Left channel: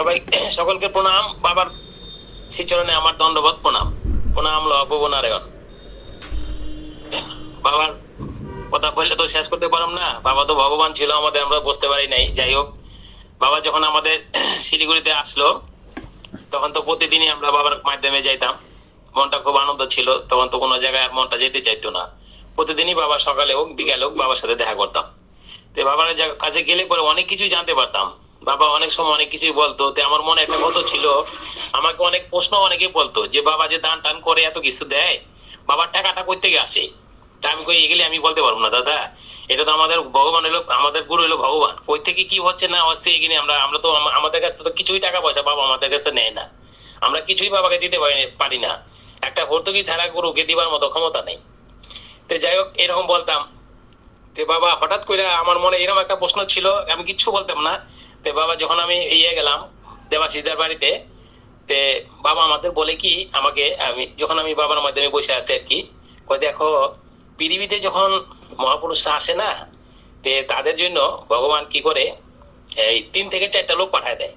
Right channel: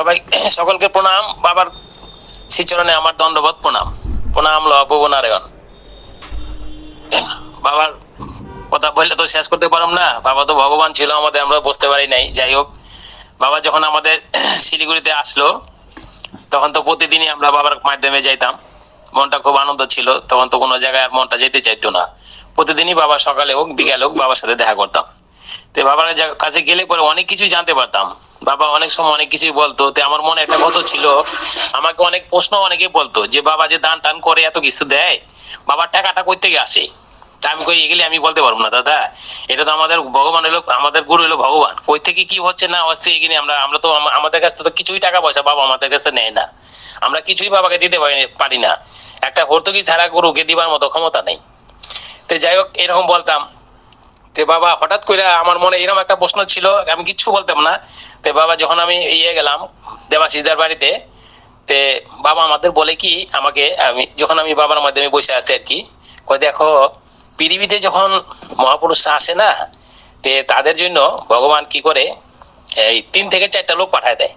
সবাই, সকলকে প্রণাম। বাবার শ্রীচরণে আমার দণ্ডবোধ প্রণাম। প্রণাম লবনারায়ণ বাবার কথা বললে তো শেষ করতে পারলাম না। বাবা তো ভগবান ছিল আমাদের, আমরা বুঝতে পারি নাই। যাই হোক, বাবা যখন আমাদের শিলিগুড়িতে আসলো, তখন তো প্রতিদিনই আমরা বাবার মাধ্যমে যাইতাম। মনটা খুব আনন্দ ছিল। তখন তো কোনো জায়গায় আর মনটা যেতে চাইতো না। প্রতিদিনই বাবা সকালে হোক, বিকালে হোক, বাবার সাথে দেখা করতাম। তো বাবার কাছে গেলে পরে অনেক কিছু জানতে পারতাম। বাবা অনেক সময় অনেক কিছুই বলতো, তো আমার মনে একটা কথা ছিল, আমাকে অনেক প্রশ্ন অনেকে বলতো, যে বাবা যে দান টান করে এত কিছু দেয়, বাবার টাকাটা কই থেকে আসে? আমি কই এগুলি আমি বলতে পারব না, দাদা, এটা তো আমাদের ভগবান হলো আমাদের গুরু হলো ভগবান, কই থেকে কি হচ্ছে না হচ্ছে এগুলি আমরা আমরা তো আমাদের কাছে তো কিছুই টাকা পয়সা বাবা আমাদের কাছে নেয় না, আমরা কিছুই বাবাকে দিতে পারি পারি না, একটা ভর্তুকি ছাড়া গরুকে দিবার মতো ক্ষমতা নেই। তো যাই হোক, এরকম বলতাম তে বাবা হঠাৎ করে আমার মনে এরকম একটা প্রশ্ন ছিল, আমি কিচ্ছু বলতাম না। তে বাবা যখন আমি ইয়ে গেলাম দেবাশিসদার বাড়িতে, তে বাবা আমাদের বলে কি, আমাকে আমি যখন আমি বাবার মাধ্যমে বসে আছি আর কি দেখো, পৃথিবীতে যখন মহাপুরুষরা আসে না, তে তাদের জন্য ভগবান কি করে, এই তিন থেকে চারটা লোক পাঠায় দেয়।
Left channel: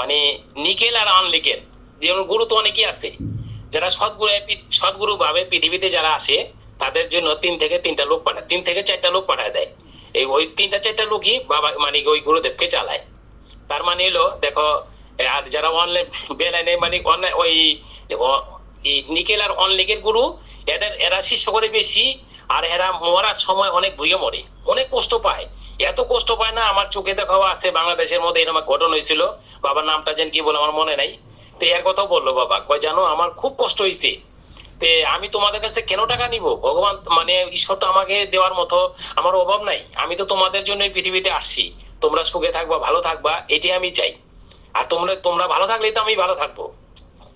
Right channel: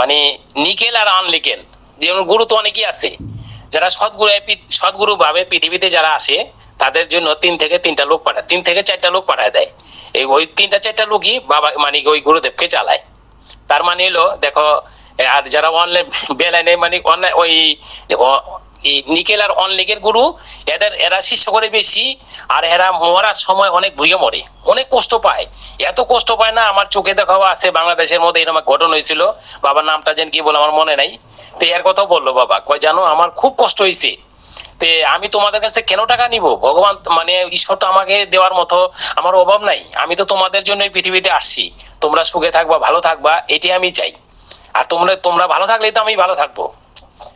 মানে নিকেল আর আনলিকেল। যেমন গুরু তো অনেকেই আছে। যারা সৎগুরু সৎগুরু ভাবে পৃথিবীতে যারা আসে তাদের জন্য তিন থেকে তিনটা লোক পাঠায়। তিন থেকে চারটা লোক পাঠায় দেয়। এই ওই তিনটা চারটা লোকই বাবা মানে ওই গুরুদেবকে চালায়। তার মানে হলো, দেখো, আর যারা অনলাইন বেলাইনে মানে অনলাইন ওই নিকেল আর অনলিগের গুরু, এদের, এরা শিষ্য করে বেশি, আর এরা মরার সময় অনেক ভুগে মরে। অনেক কষ্ট পায়। এত কষ্ট পায় না, আমার চোখে দেখা, আছে বাংলাদেশের মধ্যে এরকম ঘটনা হয়েছিল। বাবার নামটা যেন কি বলে আমার মনে নাই। তো এর কথা বলল বাবা, কয়, জানো, আমার খুব কষ্ট হয়েছে আমি তোমাদের কাছে কেন টাকা নিব? ভগবান মানে ঈশ্বর তো আমাকে দেওয়ার মতো আমার অভাব নাই। আমি তো তোমাদের জন্য পৃথিবীতে আসছি। তোমরা সুখে থাকবা, ভালো থাকবা, এটি আমি চাই। আর তোমরা তোমরা ভালো থাকলেই তো আমি ভালো থাকব।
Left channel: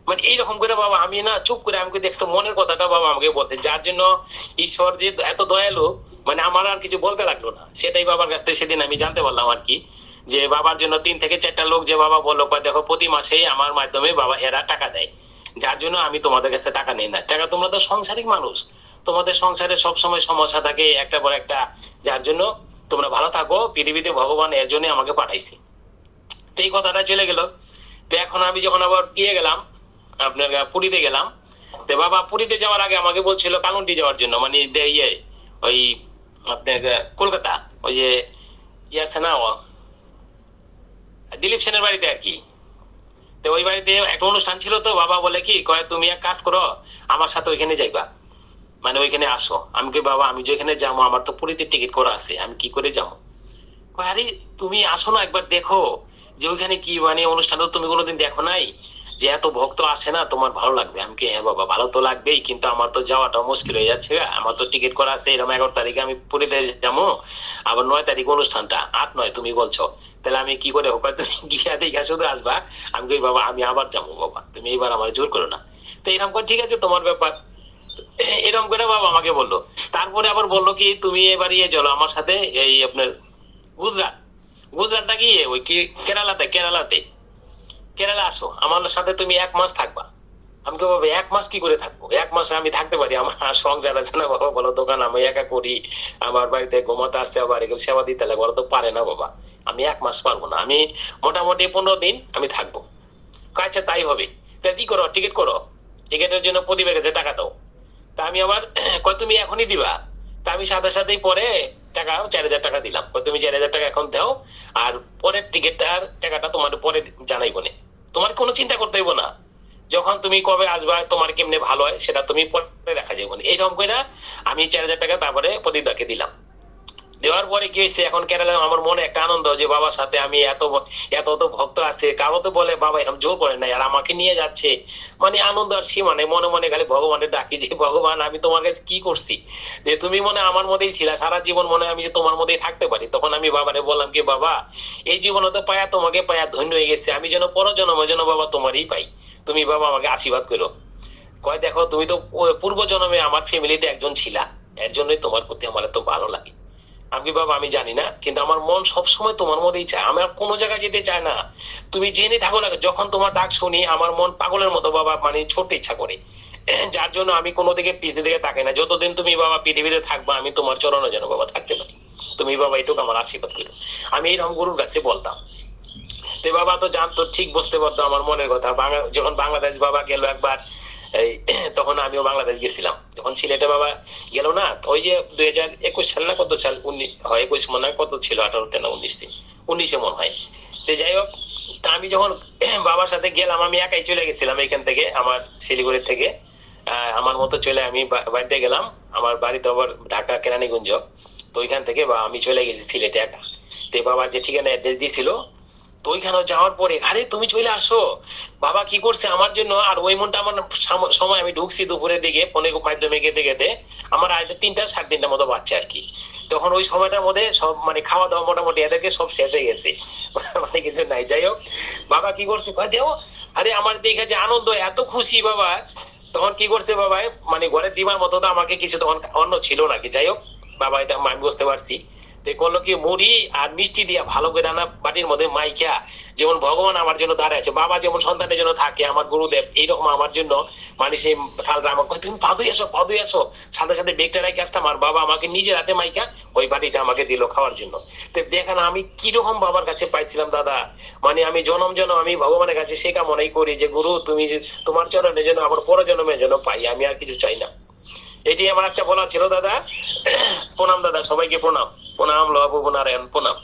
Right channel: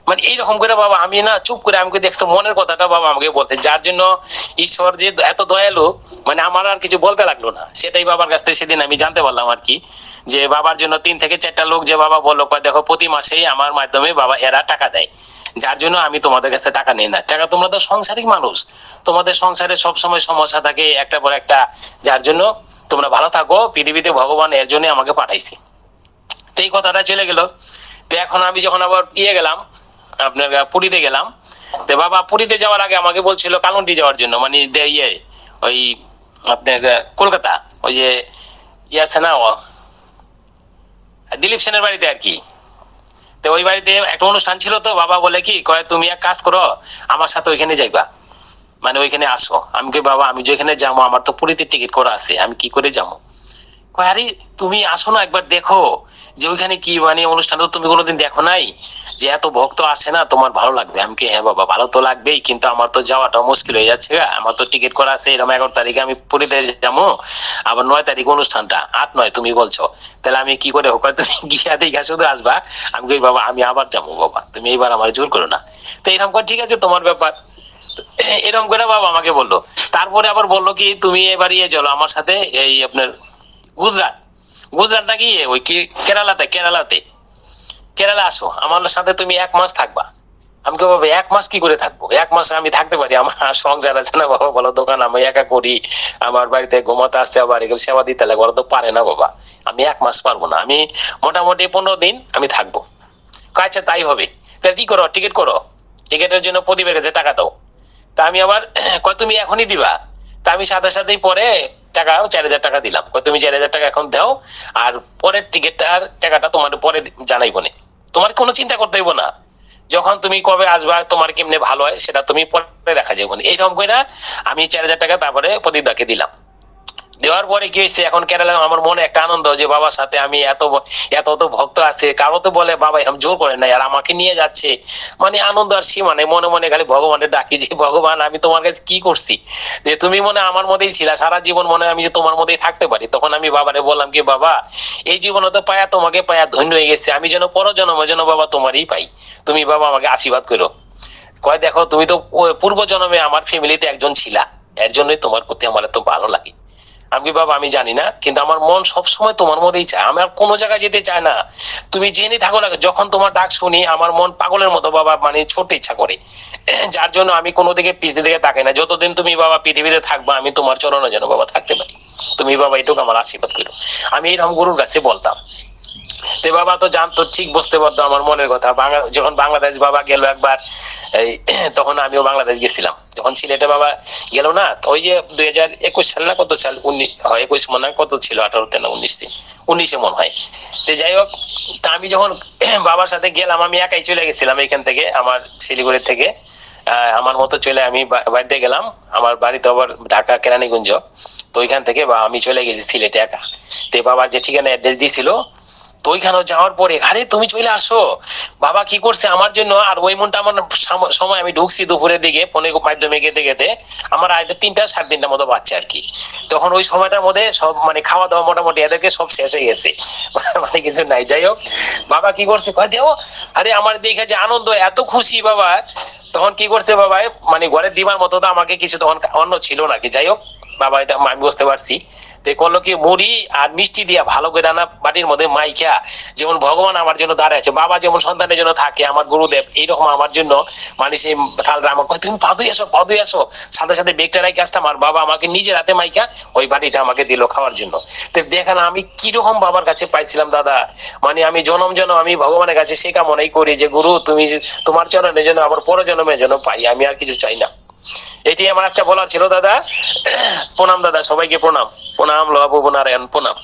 মানে এইরকম করে বাবা, আমি না চুপ করে আমাকে দেখছ, মনের কথাটা বাবা আমাকে বলতে। যার জন্য ঈশ্বর যে এত দয়ালু মানে আমার আর কিছু বলতে লাগল না। সেটাই বাবার কাছ থেকে সেদিন আমি জানতে পারলাম আর কি। যে বাবার জন্য তিন থেকে চারটা লোক যে বাবা বলল দেখো, প্রতি মাসেই আমার মাধ্যমে বাবা এরা টাকা দেয়। যার জন্য আমি তোমাদের কাছে টাকা নিই না। টাকা তোমরা তো সংসারিক মানুষ। তোমাদের সংসারে সব সময় সমস্যা থাকে একটা পর একটা। যার জন্য তোমরা ভালো থাকো, পৃথিবীতে ভগবান এর জন্য আমাকে পাঠাইছি। তো এই কথাটা চলে গেল। তো এখন আমি যখন আবার ইয়ে গেলাম আপনার পুরীতে গেলাম, তো বাবা পুরীতে যাওয়ার আগে আমাকে বলছিল কালন্টি যাওয়ার জন্য মানে ইয়ে ওই আপনার কলকাতা, ওই যে ইয়ে আছে না দিলীপ সেনের বাড়িতে আর কি। তো ওই বাড়িতে একটা অনুষ্ঠান ছিল তো বাবা বলে কি কয় তুমি এক কাজ করো আমার সাথে ওইখানে যাইবা। মানে ওইখানে আসো। আমি কি বাবা আমি যেখানে যাব আমার তো পুরীতে টিকিট করা আছে আমি কি করে যাব? কয়, আরে তুমি আসো না একবার দেখো যে ওইখানে কি মানে অনুষ্ঠান তো তুমি কোনোদিন দেখো নাই? যে এত ভক্ত আসে না, তোমার ভালো লাগবে। আমি কি হ্যাঁ বাবা, ভালো তো লাগবেই, কিন্তু আমার তো যাওয়াটা মুশকিল হয়ে যাচ্ছে আমার তো টিকিট করা আছে, এরকম এগারো তারিখে আমি পুরীতে যাব, আবার নয় তারিখ অনুষ্ঠানটা, আট নয় তুমি বলছো। তাহলে আমি কি করে হোক তুমি গিয়া দেখা শুধু আসবা, আমি কই, বাবা, আমি আবার যাব, বাবা, তুমি এইবার আমার জোর করো না। তো এরকম করে, ঠিক আছে, তোমার ব্যাপার। এরকম করে বাবা আমাকে বলল। তারপরে আবার বলল কি, তুমি এবার ইয়ে চলো আমার সাথে, এই আপনার গুজরাট। গুজরাট নাকি, ওই কি, কেরালাতে কেরালাতে। কেরালা আসো, আমার সাথে তুমি এক মাস থাকবা। আমি কে বাবা, এক মাস কি করে থাকব? এক মাস আমি থাকতে পারি, আমার সংসার আছে না, বাবা, বলো, দোকান আমি একা করি, আমার বাড়িতে ঘুমাতে আসছে আবার সেবা দিতে লাগে, ওরা তো পারে না, বাবা। আমি এক মাস পারব না, আমি মোটামুটি পনেরো দিন আমি থাকব। আচ্ছা তাই হবে। তাহলে কি করো, টিকিট করো। টিকিটের জন্য প্রদীপের কাছে টাকা দাও। তা আমি আবার, কয়, তুমি এখনই দিবা। তা আমি সাথে সাথেই পরে টাকা চার হাজার টাকা দিলাম। তুমি চার হাজার টাকা এখন দাও, আর পরের টিকিটটার টাকাটা তোমার পরে জানাইব না। তোমার কোনো চিন্তা করতে হইব না। যখন তুমি কবে আসবা, তোমার কেমনে ভালো হয়, সেটা তুমি পরে দেখা যাবে এইরকম করে আমি চার হাজার টাকা তারপরে প্রদীপদাকে দিলাম। দেওয়ার পরে কি হয়েছে? এখন কেরালা আমার মনে একটা আনন্দ যে, বাবার সাথে আমি এত এত তো ভক্ত আছে। কারও তো বলে, বাবা এরকম জোর করে নাই, আর আমাকে নিয়ে যাচ্ছে। মানে আনন্দ আর সীমা নেই। মনে মনে খালি ভগবানের ডাকি যে, ভগবান, আমি তোমার কাছে কি করছি? যে, তুমি মনে আমার মধ্যেই ছিলা। সারা জীবন মনে আমি যে, তোমার মধ্যেই থাকতে পারি। তখন আমি বাবারে বললাম কি, বাবা, এই জীবনে তো পায়া তোমাকে পায়া ধন্য হয়ে গেছে। আমি যেন পরজন্ম, যেন বাবা তোমারই পাই। তুমি বাবা আমাকে আশীর্বাদ করো। কয়, দেখো, তুমি তো পূর্ব জন্মে আমার ফ্যামিলিতে একজন ছিলা। এর জন্যই তোমার প্রতি আমার এত ভালো লাগে। আমি বাবা, আমি জানি না, কিন্তু আমার মন সবসময় তোমার মধ্যেই চায়। আমার কোনো জায়গায় যেতে চায় না। তুমি জেনে থাকো না, যখন তোমার ডাক শুনি, আমার মন পাগলের মতো বাবা মানে ছুটতে ইচ্ছা করে। যার জন্য আমি কোনো দিকে পিছনে দিকে তাকাই না। যতদিন তুমি বাবা পৃথিবীতে থাকবা, আমি তোমার চরণে যেন বাবা থাকতে পারি। তুমি বাবা, এটুকু আমার আশীর্বাদ করো আমি এরকম গুরুর কাছে বলতাম। তে বাবা তো জানতো, ঠিক বুঝতে পারতো আমার মনের কথা। বাংলা- যখন বাংলাদেশ বাবা গেল একবার তখন আমিও বাংলাদেশ গেছিলাম। যখন সিলেটে বাবা গেল না ওই যে দুই হাজার একুশ সাল না কত সাল? উনিশ একুশ মনে কত ছিল? আঠারোতে না উনিশে উনিশে মনে হয়। তো যাই হোক, তা আমি যখন বাবার সাথে গেলাম, আমি একাই চলে গেছিলাম এখান থেকে, আমার শিলিগুড়ি থেকে। আমার মতো চলে আমি বাড়িতে গেলাম। আমার বাড়িতে আবার ঢাকা, কেরানীগঞ্জ। তো ওইখান থেকে বা, আমি চলে গেছি সিলেটে একা। তো বাবার যে ঠিকানা, অ্যাড্রেস দিয়েছিল তো ওইখানে যাওয়ার পরে, আরে, তুমি চলে আসো। বাবা কি করছে আমার জন্য? আর ওই মনটা আমার সময় আমি ঢুকছি দুপুরের দিকে ফোনের মাধ্যমে গেতে গেতে। আমার আড়াইটা তিনটা, সাড়ে তিনটা মতো বাচ্চা আর কি। তখন ওই সময়টার মধ্যে সব মানে খাওয়া দাওয়া মোটামুটি এদেরকে সব শেষ হয়ে গেছে। মানে কিছু নাই। যাই হোক, বাবা কি করছে? কয়, দেও, আরে, আমার দেখে যে আনন্দ, এত খুশি বাবা। তখন কি করছে বাবা মানে ঘরে দিবার মতো তো আমাকে কিছু তখন অন্য ছিল না কি। যাই হোক, বাবা এটা, আমি বুঝতে পারছি। তো করল কি মুড়ি আর মিষ্টি দিয়া ভালো করে রান্না বাটির মধ্যে মাইকা যেমন ভগবান আমার জন্য দাঁড়ায় আছে বাবা যেমন সন্তানের জন্য থাকে আমার গুরুদেব এইরকম আমার জন্য মানে সেই আমাকে কয়, তুমি পাদুই এসো পাদুই এসো। সাথে সাথে বেগটা রাখি আসতাম আমার বাবা আমাকে নিজের হাতে মাইকা ওই বাটিটা আমাকে দিল খাওয়ার জন্য। তো দেখেন আমি কীরকম বাবার কাছে পাইছিলাম দাদা মানে আমি জনম জনম আমি ভগবানের কাছে সে কামনাই করি যে গুরু তুমি তোমার চরণের জন্য আবার পর জন্মের জন্য পাই আমি আর কিছু চাই না। এটি আমার আজকে বলার ছিল দাদা। প্রণাম দাদা সবাইকে প্রণাম। প্রণাম লবাবু নারায়ণ প্রণাম